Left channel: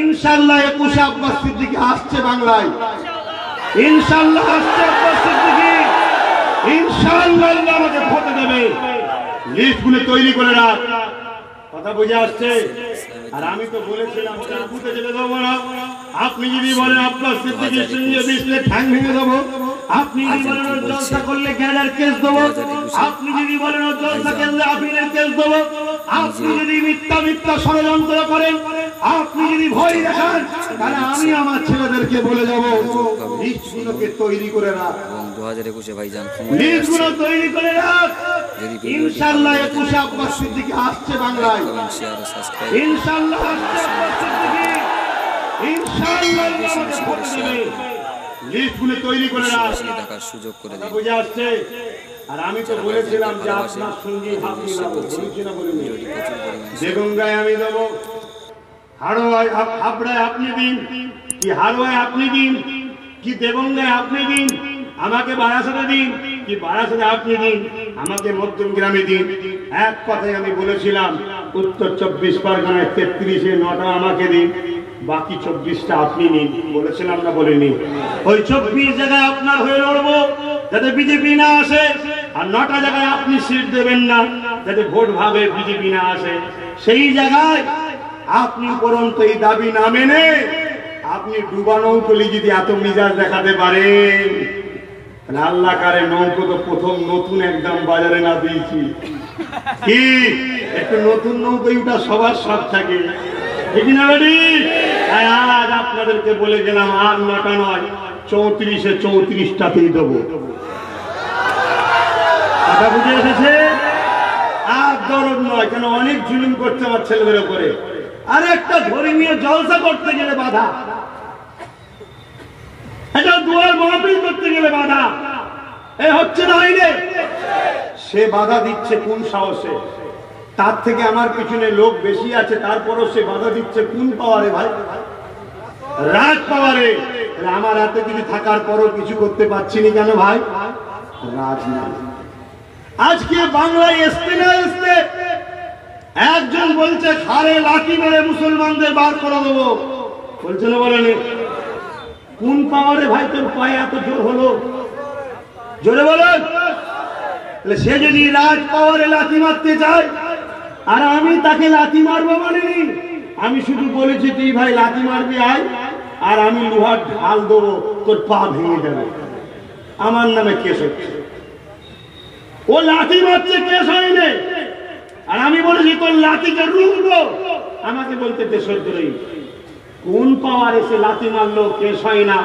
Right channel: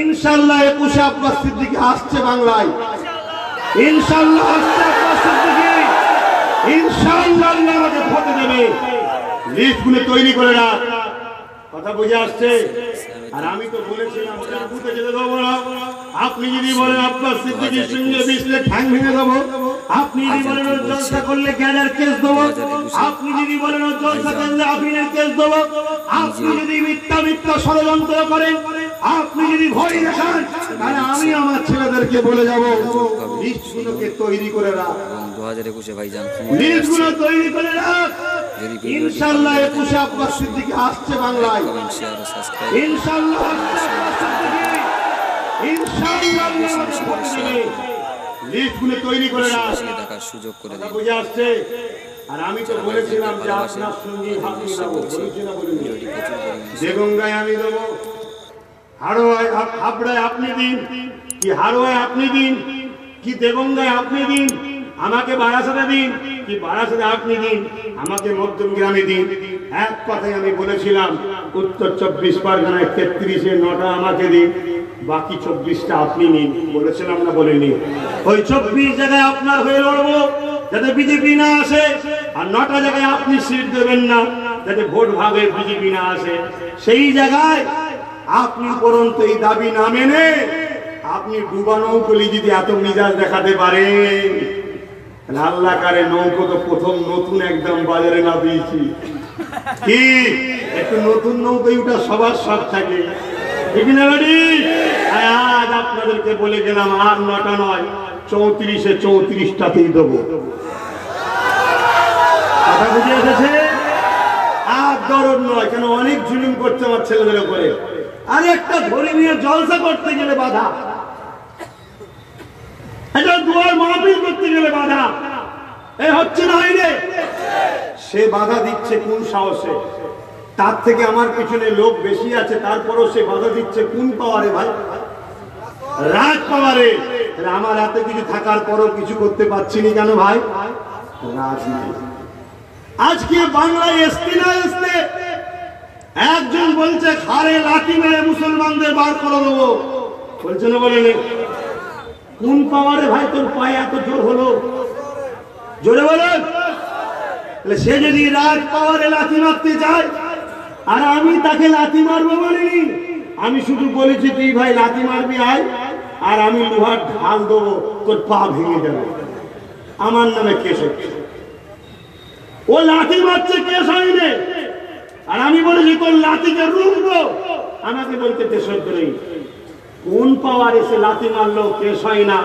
ইনশাআল্লাহ 21 আব্বাস সিদ্দিকী আসছে বাংলায়। ইনশাআল্লাহ আসছে আব্বাস সিদ্দিকী। ইনশাআল্লাহ আল্লাহ আমাকে হতে দেবে। লিস্টগুলো তৈরি করে রাখ। কথা বুঝে আসছে? আর আমি তো বলেছিলাম বুঝে যেতে দেবো না। আপনি যদি বলেন আব্বাস সিদ্দিকীর সঙ্গে বিছলে ঠ্যাং ভেঙে দেবো, আপনি যদি বলেন ওর জলসা করলে গ্যাজার কেস দেবো, আপনি যদি বলেন ওর জলসা করলে আপিলের কেস দেবো, আপনি যদি মিথ্যা ষড়যন্ত্র করেন, আপনি যদি ভয় দেখান, তাহলে আমি আমার ছেলেদেরকে বলে যাবো লিস্টগুলোকে তৈরি করে রাখ। এবং 2021 ভাইজান লিস্টগুলো তৈরি করে রাখ। ইনশাআল্লাহ 21 আব্বাস সিদ্দিকী আসছে বাংলায়। কমেন্ট শেয়ার ও সাবস্ক্রাইব ইনশাআল্লাহ আসছে আব্বাস সিদ্দিকী। ইনশাআল্লাহ বেশি বেশি করে শেয়ার করুন, লিস্টগুলো তৈরি করে রাখ। বেশি দেখার সুযোগ করে দিন। বুঝে আসছে? আর আমি তো বলেছিলাম যে ভালোবাসে আপনার সঙ্গে আপনি বলছি ভিডিওটি প্রচুর পরিমাণে দেগঙ্গায় আমি দেব, হাড়োয়ায় হাবড়ায় আপনি দিন, কি হাড়োয়ায় আপনি দিন, কি দেগঙ্গায় আপনি দিন, আমাকে বারাসাতে দিন, কি বারাসাতে আপনি দিন, আমাকে মধ্যমগ্রামে দিন। এক কথায় আমি বলেছিলাম উত্তর 24 পরগনায় 33-এ 9টা আমাকে দিন, বাকি 24টা আপনি নিন। বলেছিলাম না বলিনি? ওই 24 জায়গায় আপনার হয়ে লড়বো যাতে বিজেপি না আসে, আর 9টা জায়গায় আপনি সিট দেবেন না যাতে ভোট ভাবে বিজেপি না আসে। সেই জায়গায় আপনি পরন্ত এই দাবি না মেনে আপনি ডুবা নৌকলি যদি এত মিজাজ দেখাতে পারেন, আল্লাহ কারে নৌকো তো প্রথম নতুন একদম বাজারে না দিয়েছি কি, একটু নতুন নৌকোই ওটা সবার সব থাকে, ঠিক না বাড়ি? আজ আপনাদেরকে বলে গেলাম আর 9টা নয়, 34-এ 34টাতেই দেবো। কথা বুঝে এসেছে? আর দরদ নয়, কেন অনেক জুলুম করছে আমার ছেলেদের উপরে। আর একটা ধর্মীয় জলসা করতে গেলে বাধা, এটা দুয়ার মাহফিল করতে গেলে বাধা, এ হচ্ছে না আইনে। সে বাধা দিচ্ছে কোন সাহসে? তার থেকে আমার পিছনে লোক বেশি আছে, তারপরও সে বাধা দিচ্ছে কোন পাওয়ারে ভাই? রাজ পাওয়ারে। আমার হাতে কিছু থাকার পরও কিছু করতে পারছি না কেন ভাই? রাজনীতি। আজকে বাংলায় আসতে না আসতে একজন বলছে ঘাড়ে লাঠি মেরে মুসলমানদের বার করে দেবো, বলছে না বলেন? কোন পাওয়ারে ভাই তোর পায়ে এত জোর হলো? জোরে বলেন। সে যদি রাজ পাওয়ারে লাঠি মারতে চায় আর আমি তাকে লাঠি মারবো বলিনি, আমি শুধু বলেছি তুই ভাই লাঠি মারবি আয়, আর আমি লোহার ঢাল দেবো, তোর পা ভেঙে যাবে, আমার নামে কেস হচ্ছে। ও লাঠি মারছে, কেস হয়নি, আর আমি বলেছি তোর লাঠিকে রুখবো, আমাকে বলতে দেশদ্রোহী। কোন পাওয়ার এসে লাঠি মারলেও কেস হয় না,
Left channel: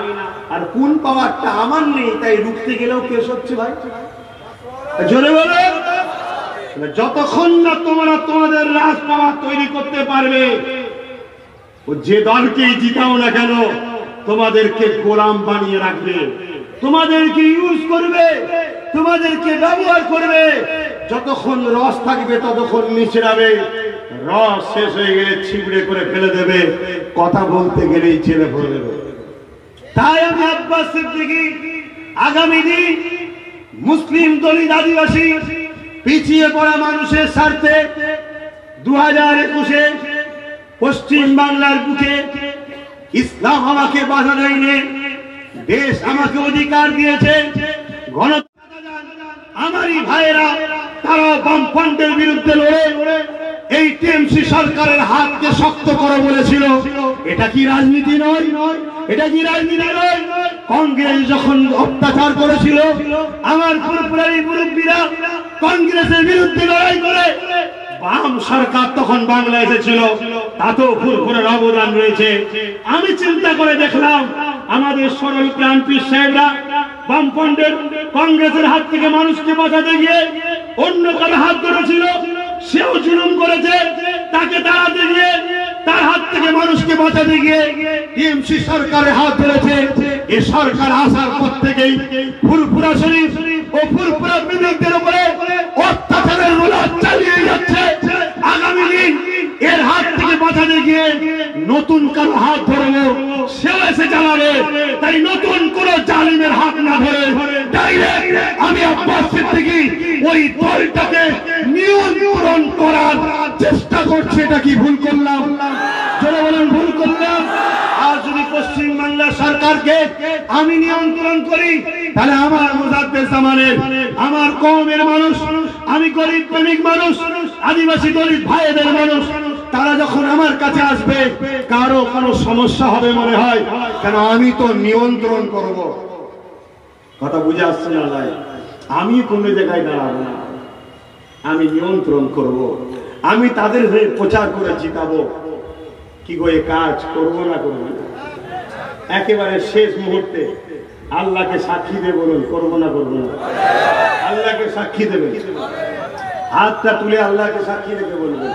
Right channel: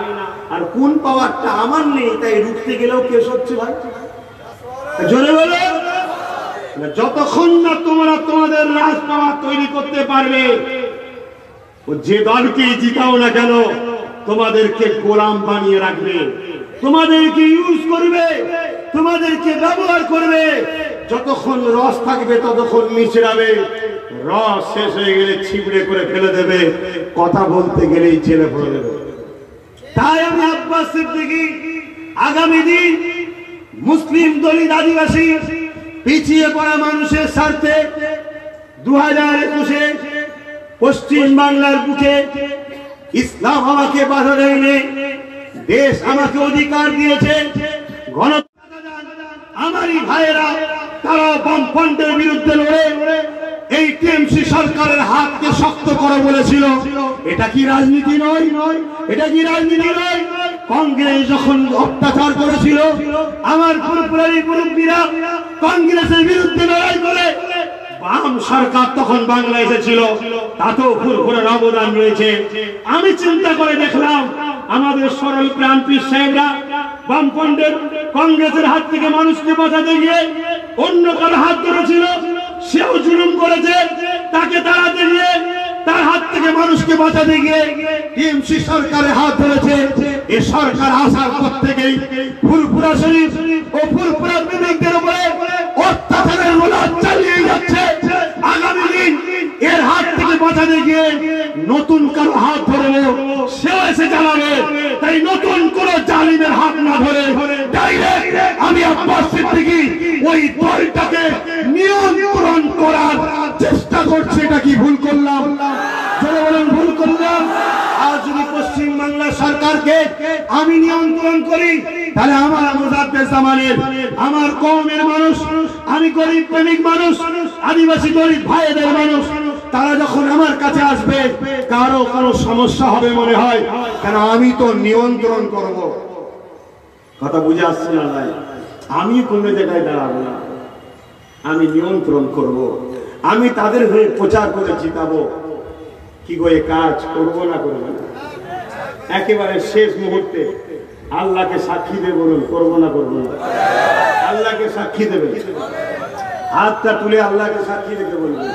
আর কোন পাওয়ারটা আমার নেই তাই রুখতে গেলেও কেস হচ্ছে ভাই? জোরে বলো। যতক্ষণ না তোমরা তোমাদের রাজ পাওয়ার তৈরি করতে পারবে, যে দলকে জিতাও না কেন তোমাদেরকে গোলাম বানিয়ে রাখবে, তোমাদেরকে ইউজ করবে, তোমাদেরকে ব্যবহার করবে। যতক্ষণ রস থাকবে ততক্ষণ মিশরাবে, রস শেষ হয়ে গেলে ছিবড়ে করে ফেলে দেবে, কথা বলতে গেলেই ছেলে ভরে দেবে। তাই আমি আব্বাস সিদ্দিকী আগামী দিন মুসলিম দলিত আদিবাসী পিছিয়ে পড়া মানুষের স্বার্থে 2021-এ পশ্চিম বাংলার বুকে ইসলাম আমাকে বাধা দেয়নি, দেশ আমাকে অধিকার দিয়েছে। আমারই ভাইয়েরা তারা বামফ্রন্টের বিরুদ্ধে লড়ে এই টিএমসি সরকারের হাতকে শক্ত করে বলেছিল। এটা কি রাজনীতি নয়? এটা কি রাজনীতি নয়? কংগ্রেস যখন অত্যাচার করেছিল, আমার ফুরফুরারি মুরব্বীরা কংগ্রেসের বিরুদ্ধে লড়াই করে বাম সরকার তখন বাংলা এসেছিল, তাতেও ফুরফুরার অবদান রয়েছে। আমি চিন্তা করে দেখলাম আমাদের সরল প্রাণ পীর সাহেবরা বামফ্রন্টের কংগ্রেসের হাত থেকে মানুষকে বাঁচাতে গিয়ে অন্য কারো হাত ধরেছিল, সেও জুলুম করেছে, তাকে দাঁড়াতে গিয়ে তার হাত থেকে মানুষকে বাঁচাতে গিয়ে টিএমসি সরকারের হাত ধরেছে। এই সরকার আসার পর থেকেই ফুরফুরা শরীফ ও ফুরফুরা বিরোধীদের উপরে অত্যাচারের রোলার চালিয়ে যাচ্ছে। আগামী দিন এর হাত থেকে বাঁচাতে গিয়ে নতুন কারো হাত ধরবো, সেও এসে চালাবে। তাই নতুন কোন জালিমের হাত না ধরে ডাইরেক্ট আমি আব্বাস সিদ্দিকী ওই দলটাকে নিয়ন্ত্রণ করার চেষ্টা করছি। এটা কি ভুল করলাম? চলে বলেন ভুল করলাম? আল্লাহকে আমি নিয়ন্ত্রণ করি, তাহলে আমার মুজাদ্দেদ জামানের, আমার কওমের মানুষ, আমি গরিব প্রেমিক মানুষ, আদিবাসী গরিব ভাইদের মানুষ, তারা যখন আমার কাছে আসবে কারো কোনো সমস্যা হবে মনে হয়, কারণ আমি তো নিয়ন্ত্রণ করব। কথা বুঝে আসছে না ভাই? আমি কোনো জায়গায় দাঁড়াবো না, আমি নিয়ন্ত্রণ করব, আমি তাদের হয়ে প্রচার করে জিতাবো। কি গো এই কাজ করবো না করবো না? একেবারে শেষ মুহূর্তে আল্লাহকে সাক্ষী দেব, বলুন করবো না করবো না? আল্লাহকে সাক্ষী দেবে, হাতটা তুলে আল্লাহকে সাক্ষী রেখে বলবেন,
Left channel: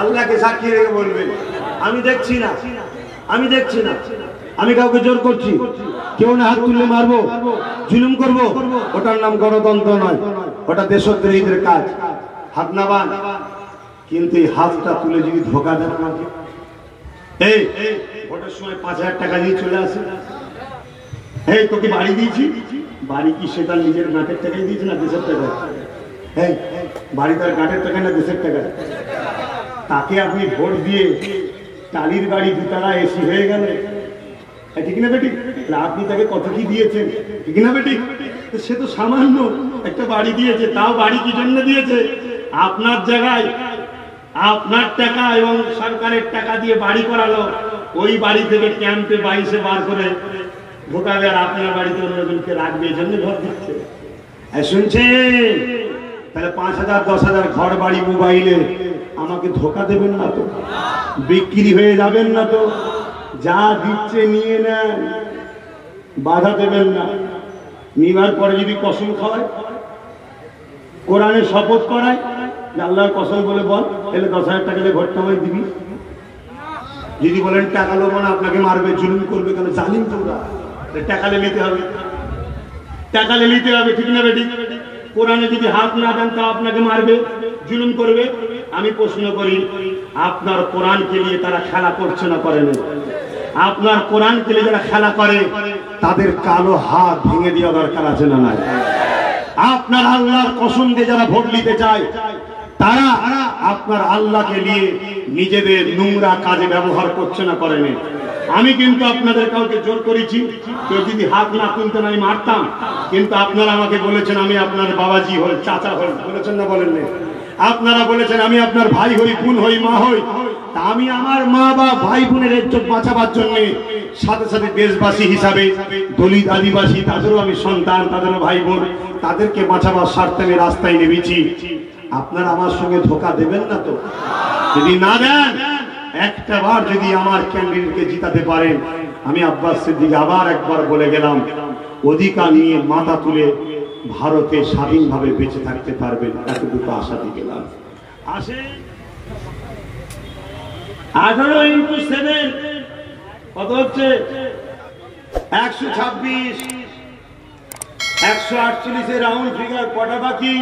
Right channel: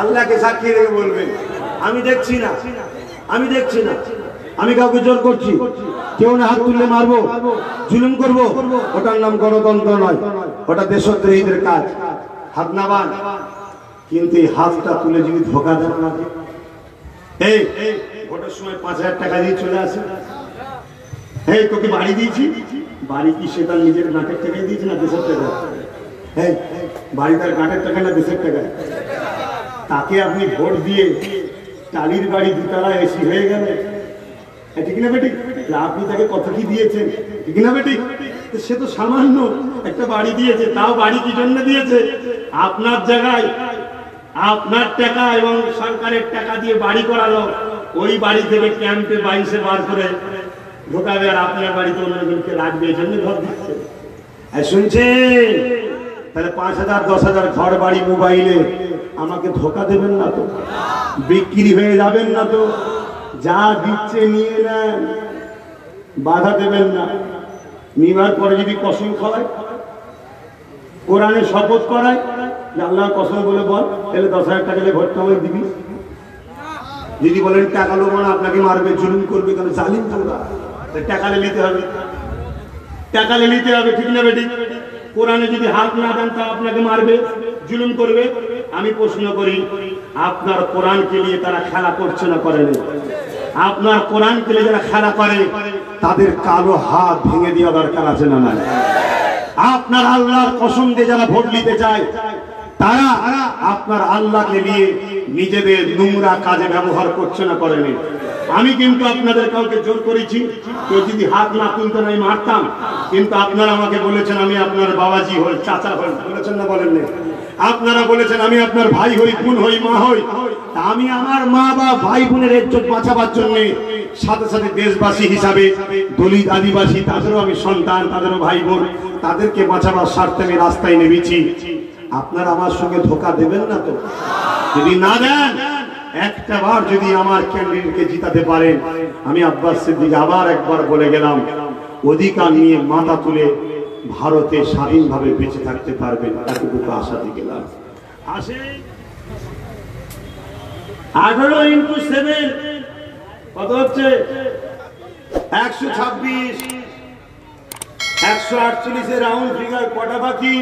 আল্লাহকে সাক্ষী রেখে বলবেন আমি দেখছি না, আমি দেখছি না, আমি কাউকে জোর করছি, কেউ না হাত তুললে মারবো, জুলুম করবো, ওটার নাম গণতন্ত্র নয়, ওটা দেশদ্রোহীদের কাজ। হাত না বান, কিন্তু এই হাতটা তুলে যদি ধোকা দেন আমাকে, এই ভোটের সময় 5,000 টাকা দিয়ে চলে আসে, এই তোকে বাড়ি দিয়েছি, বাড়ি কি সেটা নিজের নাকের টাকায় দিয়েছি না দেশের টাকা? এই বাড়ি তার নাকের টাকা না দেশের টাকা? তাকে আপনি ভোট দিয়ে টালির বাড়ি দুতলা এসি হয়ে গেলে, ঠিক না বেটি? আপনি তাকে কত কি দিয়েছেন, ঠিক না বেটি? সে তো সামান্য একটা বাড়ি দিয়েছে, তাও বাড়ি কি জন্য দিয়েছে? আপনার জায়গায় আপনার টাকা এবং সরকারের টাকা দিয়ে বাড়ি করালো, ওই বাড়ি থেকে ক্যাম্পে 22-এ বার করে ঢোকাবে, আর আপনার বাড়িতে অন্যজনকে রাখবে, এই জন্য ঘর দিচ্ছে। শুনছে? তাহলে 5,000 10,000 ঘর বাড়ি মোবাইলে আমাকে ধোকা দেবেন না তো, বিক্রি হয়ে যাবেন না তো, যা দিচ্ছে নিয়ে নেন, বাধা দেবেন না। নিবার পরে যদি কসম খাওয়ায়, কোরআনে শপথ করায় যে আল্লাহর কসম বলে বল, তাহলে 10,000 টাকা দিয়ে ভোটটা আমায় দিবি। যদি বলেন টাকা লোক মানে আপনাকে মারবে, জুলুম করবে, কেন জালিম তোরা, টাকা নিতে হবে, টাকা নিতে হবে, ঠিক না বেটি? কোরআনে যদি হাত না দেন তা আপনাকে মারবে, জুলুম করবে। আমি প্রশ্ন করি, আপনার কোরআনকে নিয়ে তারা খেলা করছে না করে না? আপনার কোরআনকে নিয়ে যারা খেলা করে তাদের কালো হাত ভেঙে দেওয়া দরকার আছে না? আপনার আল্লাহর কসম দিয়ে যারা ভোট নিতে চায় তারা আপনার আল্লাহকে নিয়ে নিজেদের নোংরা কাজে ব্যবহার করছে না করেনি? আমি কিন্তু আপনাদের কাউকে জোর করেছি, কেউ যদি হাত না তুলতেন আমি মারতাম, কিন্তু আপনারা আমাকে বলেছেন আমি আপনার বাবাজি হই, চাচা হই, বলেছেন না বলেননি? আপনারা বলেছেন আমি আপনার ভাই হই, বোন হই, মা হই। আমি আমার মা বা ভাই বোনের ইজ্জত বাঁচাবার জন্য সাথে সাথে দেশবাসী হিসাবে দলিত আদিবাসী তাদেরও আমি সন্তান, তাদেরও ভাই বোন, তাদেরকে বাঁচাবার স্বার্থে আমি রাস্তায় নেমেছি। আপনারা আমার সঙ্গে ধোকা দেবেন না তো? যদি না দেন, একটা বার যদি আমার ক্যান্ডিডেটকে জিতাতে পারেন, আমি আব্বাস সিদ্দিক আবার একবার বলে গেলাম, অধিকার নিয়ে মাথা তুলে ভারতে স্বাধীনভাবে বেঁচে থাকতে পারবেন, তাকে দুটো আশা দিয়ে গেলাম। আসে 18 × 7 কত হচ্ছে? 126। 148 এর রাউন্ড ফিগার কটা বাকি?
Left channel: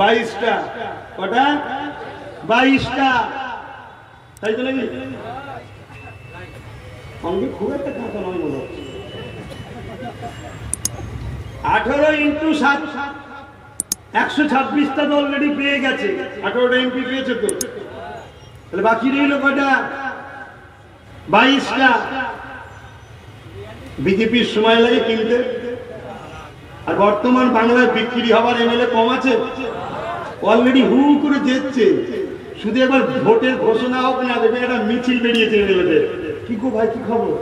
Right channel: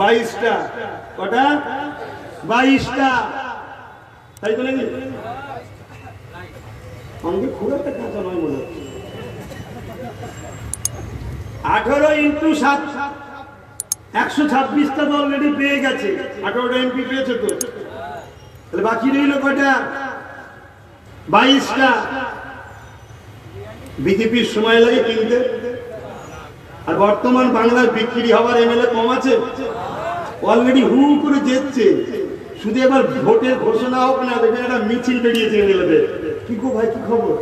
22টা। কটা? 22টা। তাই তো নাকি? অনেক খুব একটা কথা নয় মনে হচ্ছে। 18 × 7 126টা তো অলরেডি পেয়ে গেছে, 18টা এমপি পেয়েছে তো, তাহলে বাকি রইল কটা? 22টা। বিজেপির সময় লাগে কিনতে, আর বর্তমান বাংলায় বিক্রি হবার এমএলএ কম আছে, অলরেডি হু করে যেচ্ছে। শুধু এবার ভোটের ঘোষণা হোক না, দেখবেন একটা মিছিল বেরিয়েছে এমএলএদের। কি গো ভাই, কি খবর?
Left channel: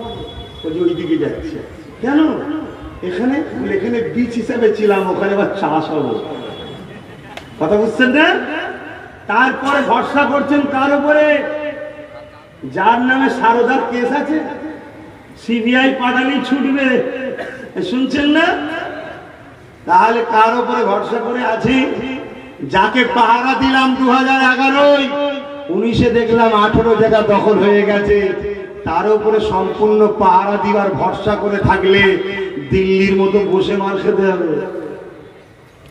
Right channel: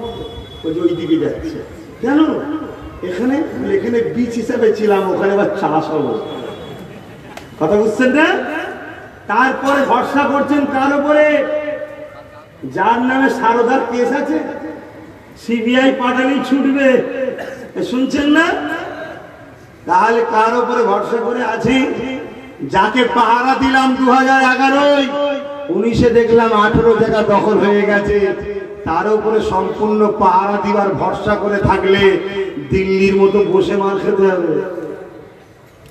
ওই দিকে যাচ্ছে কেন? এখানে এখানে বীজ হিসাবে ছিলাম, ওখানে আবার চাষ হলো। কথা বুঝছেন না? তারপরে ভরসা করছেন কার উপরে? যার নামে সারদার কেস আছে, সিবিআই পাঠালেই ছুটবে। শুনছেন না? তাহলে কার উপরে ভরসা করে আছি? যাকে পাহারা দিলাম 2011, 19-এ দেখলাম 18 জায়গা দখল হয়ে গেছে, তার উপরে সম্পূর্ণ পাহারা দিবার ভরসা করে থাকলে দিল্লির মতো বসে মার খেতে হবে।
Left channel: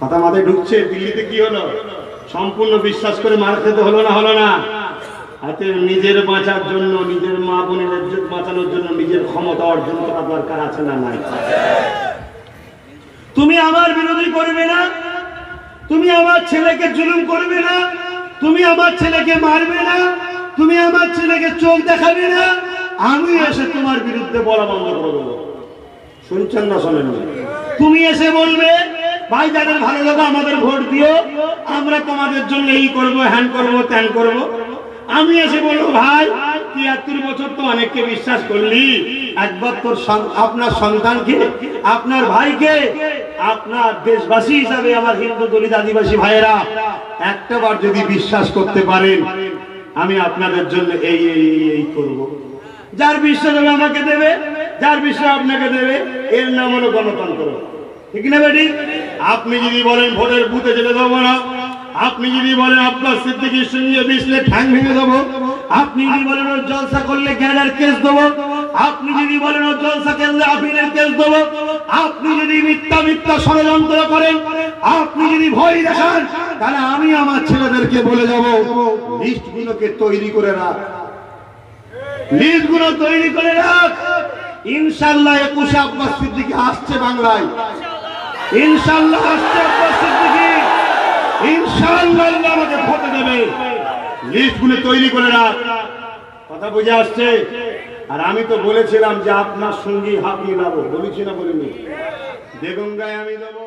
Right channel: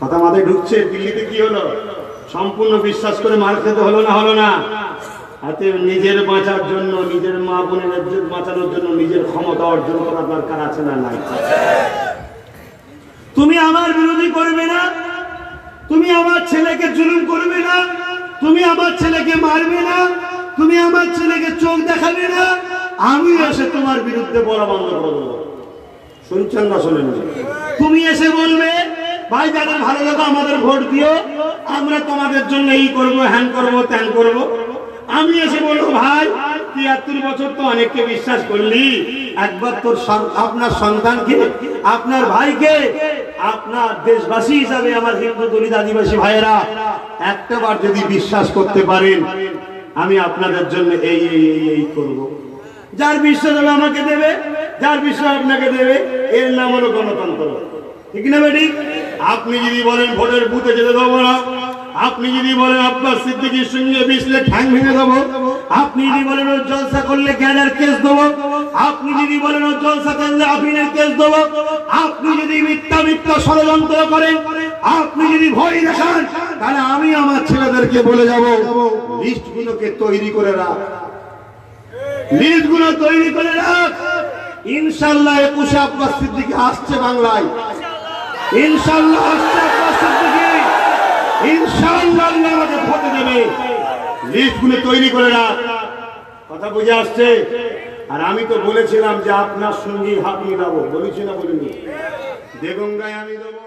কথা মাথায় ঢুকছে? দিল্লিতে কি হলো? সম্পূর্ণ বিশ্বাস করে মার খেতে হলো না? হলো না? হাতে নিজের বাঁচার জন্য, নিজের মা বোনের ইজ্জত বাঁচানোর জন্য নিজের ক্ষমতা অর্জন করা দরকার আছে না নাই? তুমি আমার বিরোধী করবে না, তুমি আমার ছেলেকে জুলুম করবে না, তুমি আমার ছেলেকে মারবে না, তুমি আমার ছেলেকে চোখ দেখাবে না, আমি এসে তোমার বিরুদ্ধে বলা বন্ধ করে দেবো। শুনছেন না শোনেন? তুমি এসে বলবে ভাই যাদের ভালো লাগা আমাদের ভোট দিও, আমরা তোমাদের জন্য এই করব, হ্যান করব, ত্যান করব। আমি এসে বলবো ভাই 73 বছর তো অনেককে বিশ্বাস করলি, একবার তোর আপনার সন্তানকে, আপনার ভাইকে, আপনার দেশবাসী হিসাবে আমার হিন্দু দলিত আদিবাসী ভাইয়েরা একটাবার যদি বিশ্বাস করতে পারেন, আমি আপনাদের জন্য এই করব। যার বিশ্বাস হবে আমাকে দেবে, যার বিশ্বাস আপনাকে দেবে, এর নাম হলো গণতন্ত্র। ঠিক না বেটি? আপনি যদি বলেন ভোটের বুথে যেতে দেবো না, আপনি যদি বলেন আব্বাস সিদ্দিকীর সঙ্গে মিশলে ঠ্যাং ভেঙে দেবো, আপনি যদি বলেন ওর জলসা করলে গ্যাঁজার কেস দেবো, আপনি যদি বলেন ওর জলসা করলে আফিনের কেস দেবো, আপনি যদি মিথ্যা ষড়যন্ত্র করেন, আপনি যদি ভয় দেখান, তাহলে আমি আমার ছেলেদেরকে বলে যাব লিস্টগুলোকে তৈরি করে রাখ, লিস্টগুলো তৈরি করে রাখ। ইনশাআল্লাহ 21 আব্বাস সিদ্দিকী আসছে বাংলায়, ইনশাআল্লাহ আসছে আব্বাস সিদ্দিকী, ইনশাআল্লাহ আল্লাহ আমাকে ভোট দেবে। লিস্টগুলো তৈরি করে রাখ। কথা বুঝে আসছে? আর আমি তো বলেছিলাম যে আপনার সঙ্গী হাঁপিয়ে নেবো, বলেছি না বলিনি? দেগঙ্গায় আমি দেবো।